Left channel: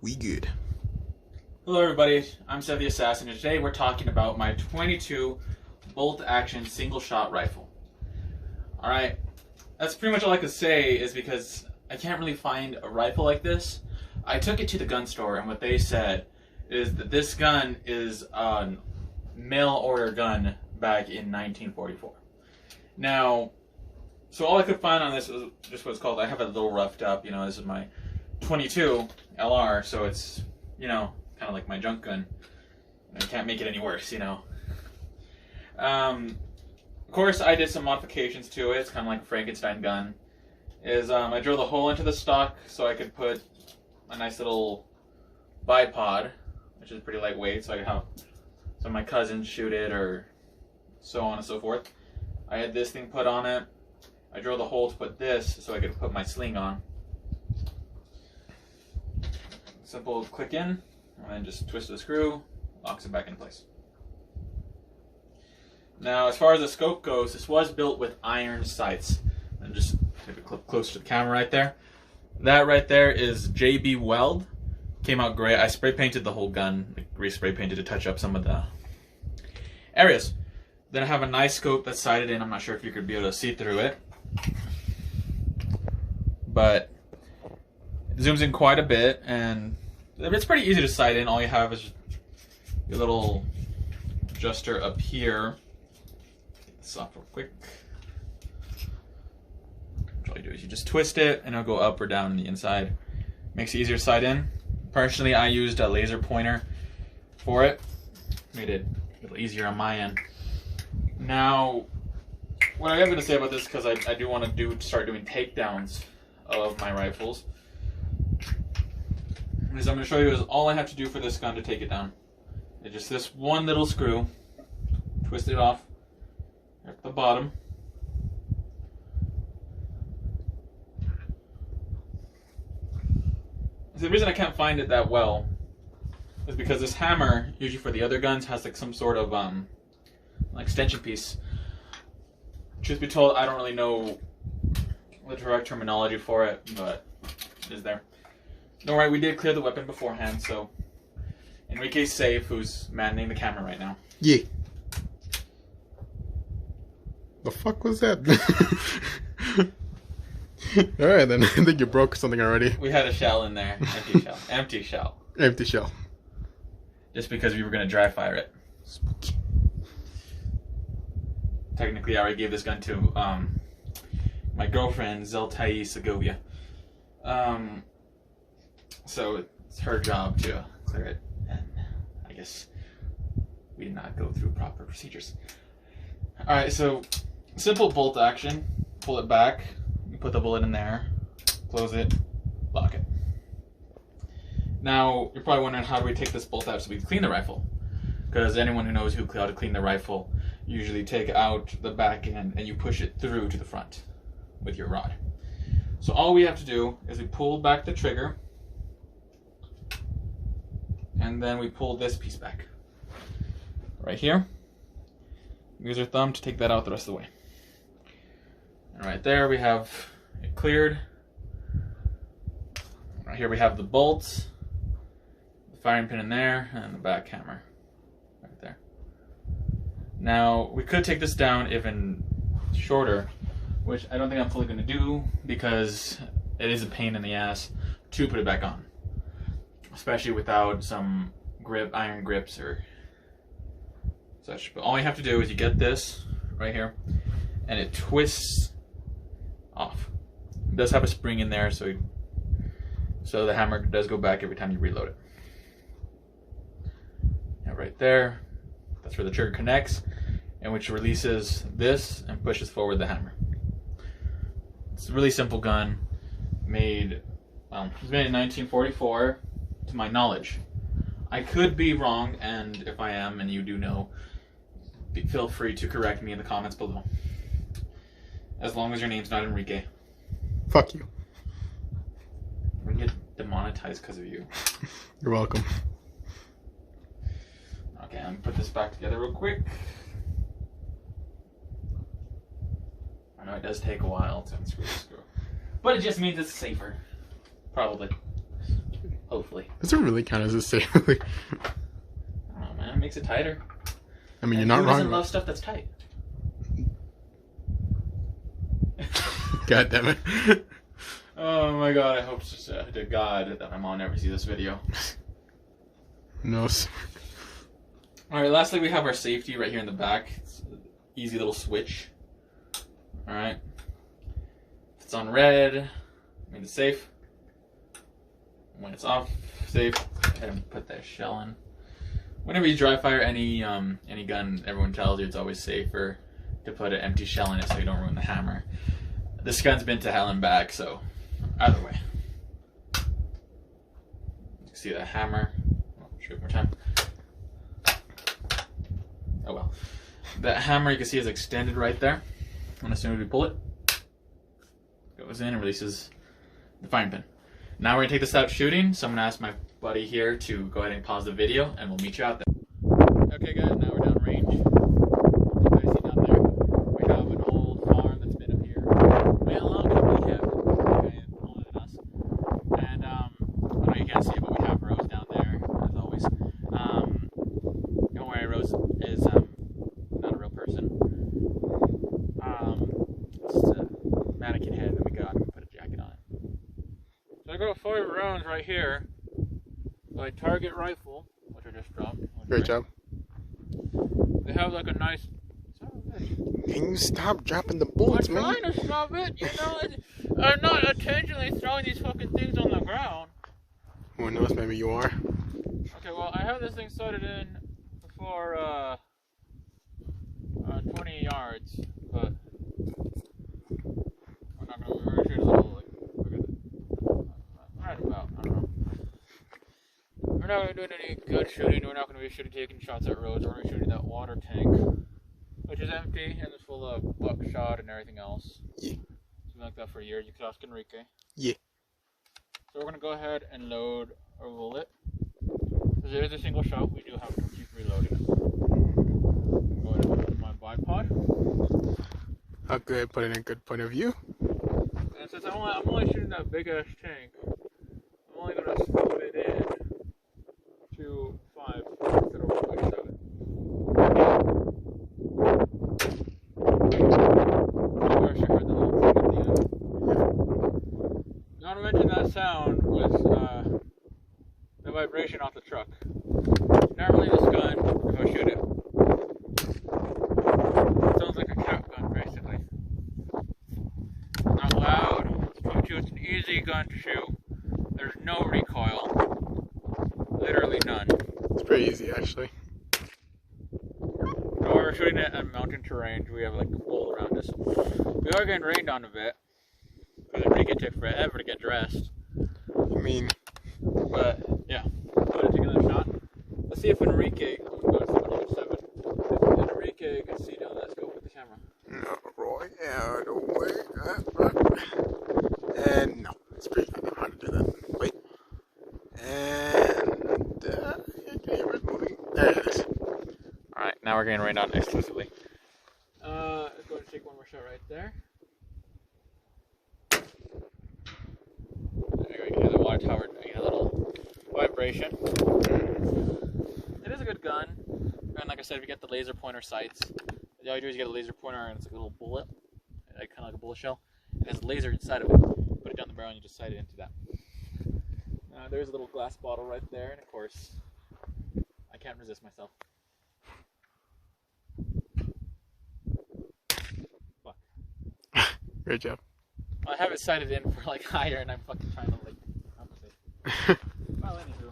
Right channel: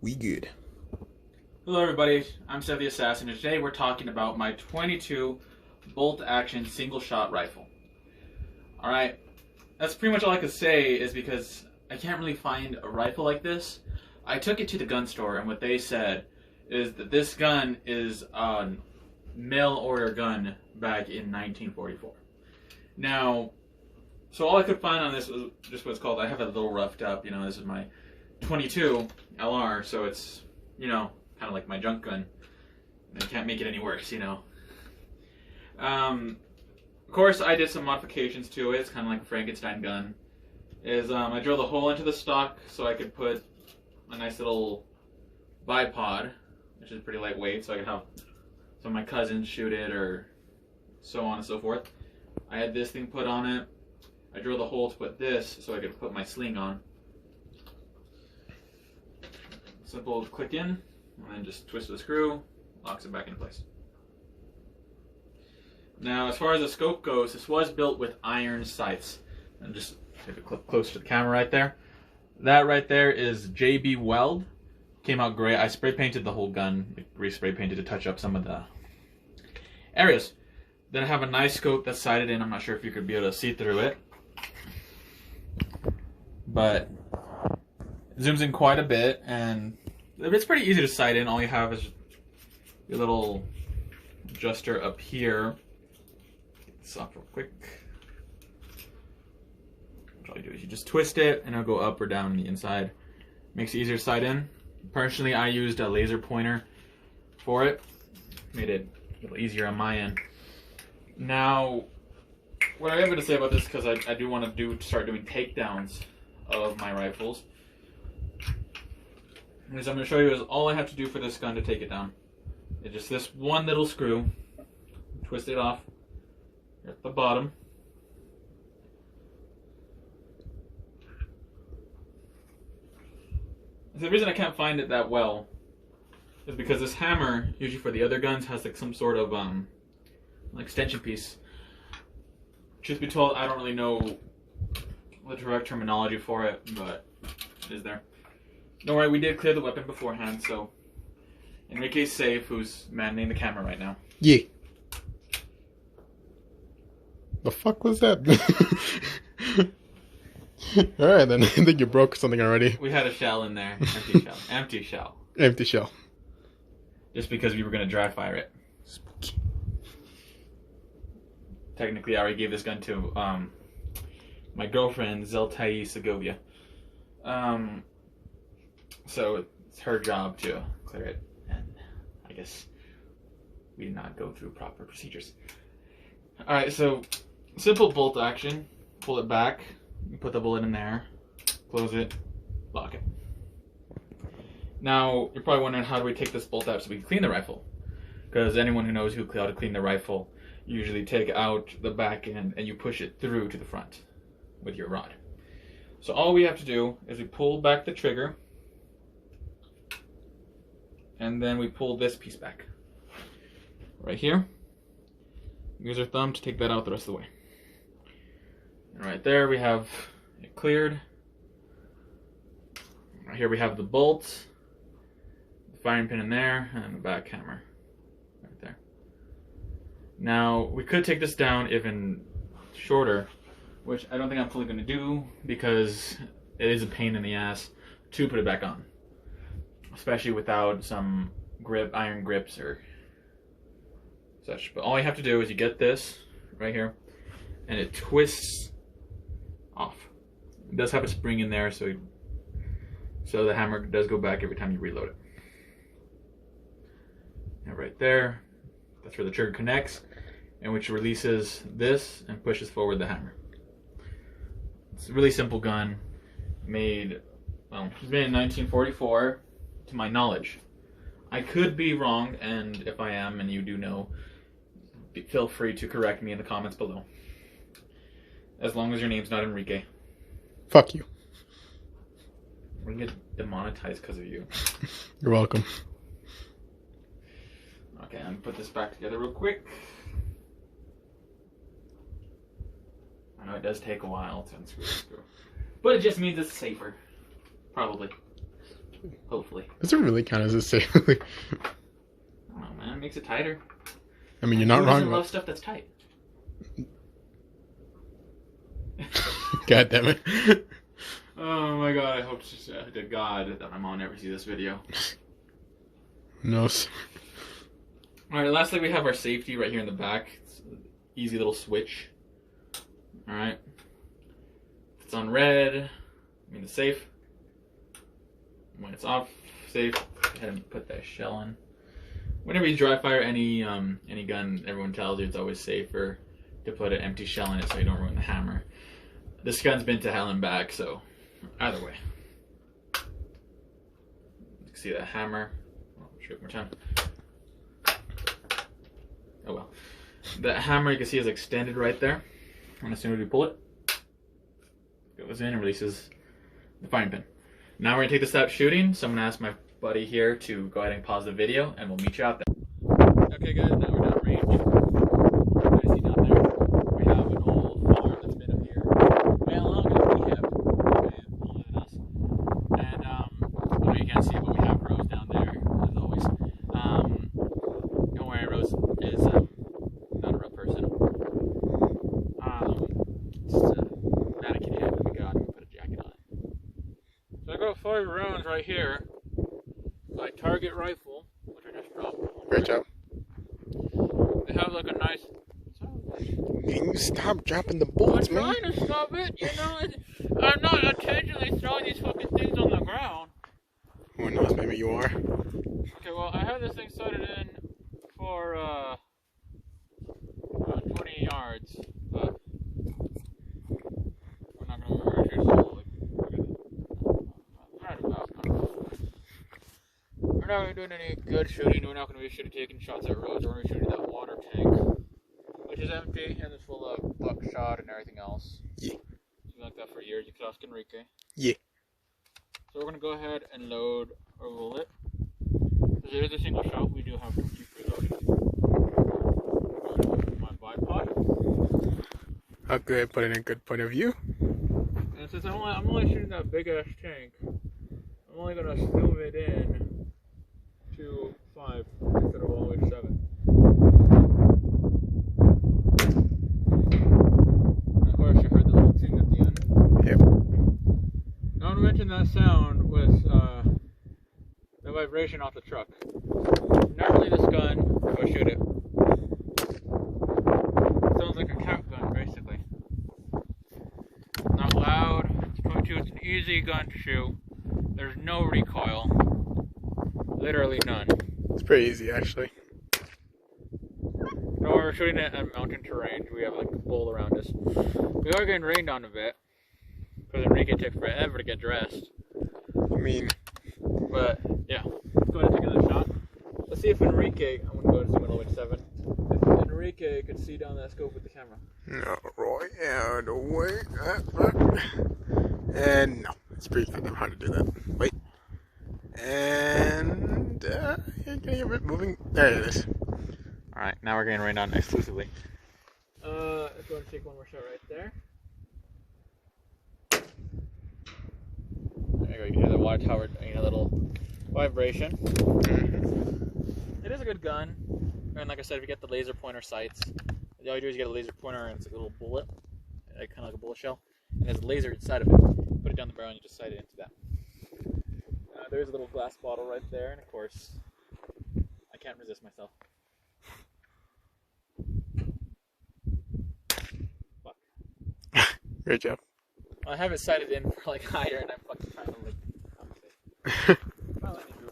We good. Hello everybody, I'm Seth the Assassin, and today we're talking about my 22 bolt-action single-shot rifle. Alright, that's pretty much all I could say is because I can't really find a rifle like this. I took it to the gun store, and what they said is that this gun is a mail-order gun back in 1944. Now, so all I could find on this was just what it's called. I have it a little roughed up, this is my 22 LR, so it's, kind of like my junk gun. I can't make it any worse, Of course, I did some modifications to it. It's kind of like a Frankenstein gun. I drilled a hole into the stock so I could put a nice little bipod, which is pretty lightweight, so I could have some of my cousins shoot it or so on and so forth. I had this thing put on it. I drilled a hole to put this so I could put my sling on. Simple click in, and then just twist the screw, locks it back in place. Now, as far as the scope goes, this was built with iron sights. And just take a clip close to the camera right there. That right there is JB Weld. Came out great. I spray painted the whole gun, re-spray painted to touch up some of the areas. Then I have a nice scope that's sighted in. I'm not sure if you could be able to see through it, but it zooms in quite a bit, and it's pretty easy to sight in. All you have is your little adjuster up here. Get this off real quick. All you do is you just twist it, and it'll go up or down on the inside. Makes it easier to sight in. Personally, I used a laser pointer for it. Made it a little easier on my end. Now, what I am going to say about this, because I do want to start doing takedowns of my rifles, is I'm going to show you is all I have to do for this gun to take it down. It's just this one little screw, twist it off at the bottom. So the reason I can't find it that well is because this hammer, usually for the other guns, has like some sort of extension piece. Truth be told, I don't really know the correct terminology for it, but it is there. Don't worry, we did clear the weapon beforehand, so Enrique's safe, who's manning the camera right now. Yeah. The fuck was that? Alright then, I think you broke something already. We had a shell in there. Empty shell. Empty shell. Empty shell. Just because we were going to dry fire it. Spooky. Technically, I already gave this gun to my girlfriend, Zeltai Segovia. So it's her job to clear it, and I guess we did not go through proper procedures. Alright, so simple bolt action. Pull it back, you put the bullet in there, close it, lock it. Now, you're probably wondering, how do we take this bolt out so we can clean the rifle? Because anyone who knows how to clean the rifle, you usually take out the back end and you push it through to the front with your rod. So all we have to do is we pull back the trigger, and then we pull this piece back. Right here. Use our thumb to take that out the rest of the way. And right there we have it cleared. Right here we have the bolts, the firing pin in there, and the back hammer right there. Now, we could take this down even shorter, which I don't think I'm fully going to do because it is a pain in the ass to put it back on, especially without some iron grips or such. But all you have to do is you get this right here, and it twists off. It does have a spring in there, so the hammer does go back every time you reload it. And right there, that's where the trigger connects, and which releases this and pushes forward the hammer. It's a really simple gun, it was made in 1944, to my knowledge. I could be wrong, and if I am, and you do know, feel free to correct me in the comments below. As long as your name's not Enrique. Fuck you. We're gonna get demonetized because of you. You're welcome. Okay, I'm gonna put this back together real quick. I know it does take a while to unscrew the screw, but it just means it's safer. Probably. Hopefully. Does it really count as a safe? I don't know, man. It makes it tighter. I mean, you're And not who wrong. doesn't love stuff that's tight? God damn it. Oh my god, I hope to God that my mom never sees this video. Who knows? Alright, lastly we have our safety right here in the back. It's an easy little switch. Alright. If it's on red, I mean it's safe. When it's off, safe. Go ahead and put that shell in. Whenever you dry fire any gun, everyone tells you it's always safer to put an empty shell in it so you don't ruin the hammer. This gun's been to hell and back, so either way. You can see the hammer. Oh, shoot more time. Oh well. That hammer you can see is extended right there. And as soon as we pull it, it goes in and releases the firing pin. Now we're gonna take this out shooting, so I'm gonna ask my buddy here to go ahead and pause the video and we'll meet you out there. Okay guys, now we're down range. You guys see down there, we have an old farm that's been up here. Man, a lot of it we have older than us. And I know you can't see it, but we have Rose down there, as always. Don't worry, Rose is not a real person. It's a mannequin head that we got and put a jacket on it. So I got 5 rounds right here. My target rifle, which I just dropped. Great job. They have like a nice. Can you stop dropping the bullets, I'm man? trying to stop it, you know. I'm not intentionally throwing these fucking things on the ground. Who knows? Maybe you are. Okay, well I have this thing sighted in for 20 yards, but we're not gonna merge it. So right about. We're not going to do any good shooting. We're not going to be taking shots at roads. We're going to be shooting that water tank, which is empty and it's full of buckshot and everything else. Yeah. It's been like that for years. You can ask Enrique. Yeah. So we're going to go ahead and load our bullet. Because there is a single shot, we do have to keep reloading it. I'm going to put my bipod. I'll go ahead and put it in a good point of view. And since I'm only shooting that big ass tank, I'm only going to slow it in to 5 instead of all the way 7. Of course, you heard the little thing at the end. Yeah. Not to mention that sound was the vibration off the truck. Normally this gun, if I shoot it, sounds like a shotgun basically. Not loud, it's Bluetooth, it's an easy gun to shoot. There's no recoil. Literally none. It's pretty easy, actually. So we're shooting it on mountain terrain. We have like a bowl around us. We are getting rained on a bit. Because Enrique took forever to get dressed. I mean, But yeah, I'm gonna take another shot. Let's see if Enrique, I'm gonna go to the middle of 7. If Enrique can see down that scope with the camera. no, Roy, out of the way. And no, it's pretty. I don't know how to do that. Wait. And it's moving. There it is. Alright, now we're getting rained on exclusively. Let's go and take one more shot right there. There we go, the water tower doing a little vibration. It is a good gun. And like I said, if you get the laser pointer sights, all you do is you get a laser pointer and it's like a little bullet, like, kind of like a bullet shell. And there's a laser inside of it. Put it down the barrel and you just sight it into that. There's a little glass bottle right there, and of course, I can't resist myself. Fuck. Great job. Well, I have it sighted in for like higher, and I'm fucking trying to like come to it. Well, anywho.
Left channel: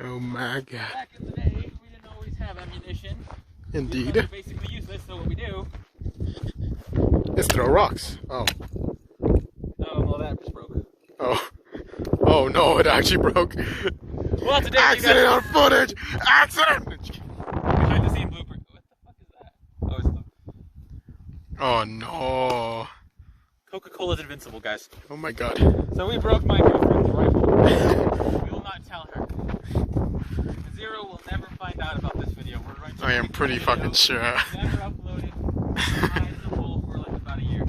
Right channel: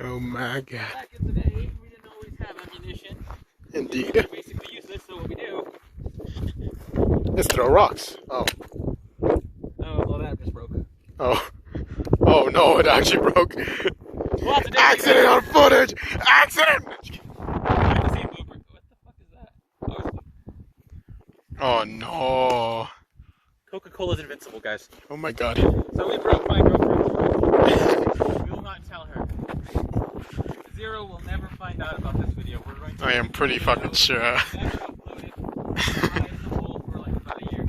Oh my god. Back in the day, we didn't always have ammunition. Indeed. They're basically useless, so what we do. Let's throw rocks. Oh. Oh, well, that just broke. Oh. Oh no, it actually broke. Well, today Accident on footage! Accident! behind the scene blooper. What the fuck is that? Oh, it's Oh no. Coca-Cola's invincible, guys. Oh my god. So we broke my girlfriend. We will not tell her. Zero will never find out about this video. We're right. I am pretty fucking sure. Never uploaded. It's in the hole for like about a year.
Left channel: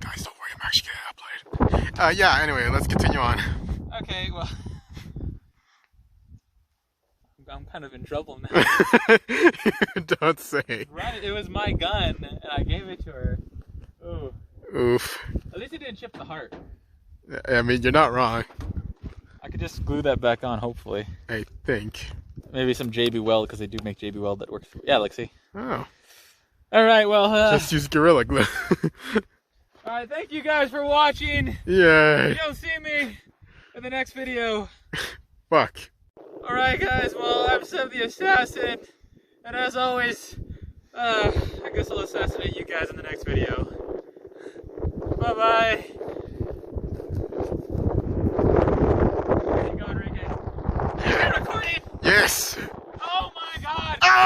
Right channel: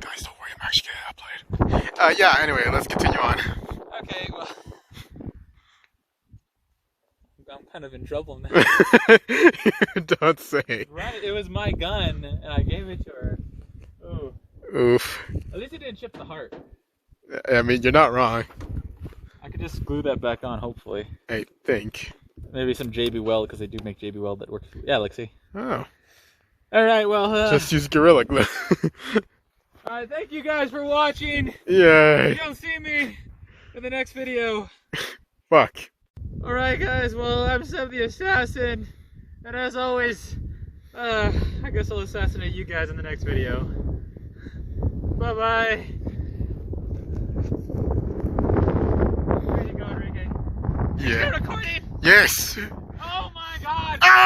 Guys, don't worry, I'm actually gonna upload. Yeah, anyway, let's continue on. Okay, well, I'm kind of in trouble now. Don't say. Right, it was my gun, and I gave it to her. Oh. Oof. At least it didn't chip the heart. I mean, you're not wrong. I could just glue that back on, hopefully. I think. Maybe some JB Weld, because they do make JB Weld that works. Yeah, let's see. Oh. Alright, well. Just use Gorilla Glue. Alright, thank you guys for watching. Yay. You'll see me in the next video. Fuck. Alright, guys, well, I'm Seb the Assassin. And as always, I guess I'll assassinate you guys in the next video. Bye-bye. There you go, Rick. Yeah. Recording! Yes.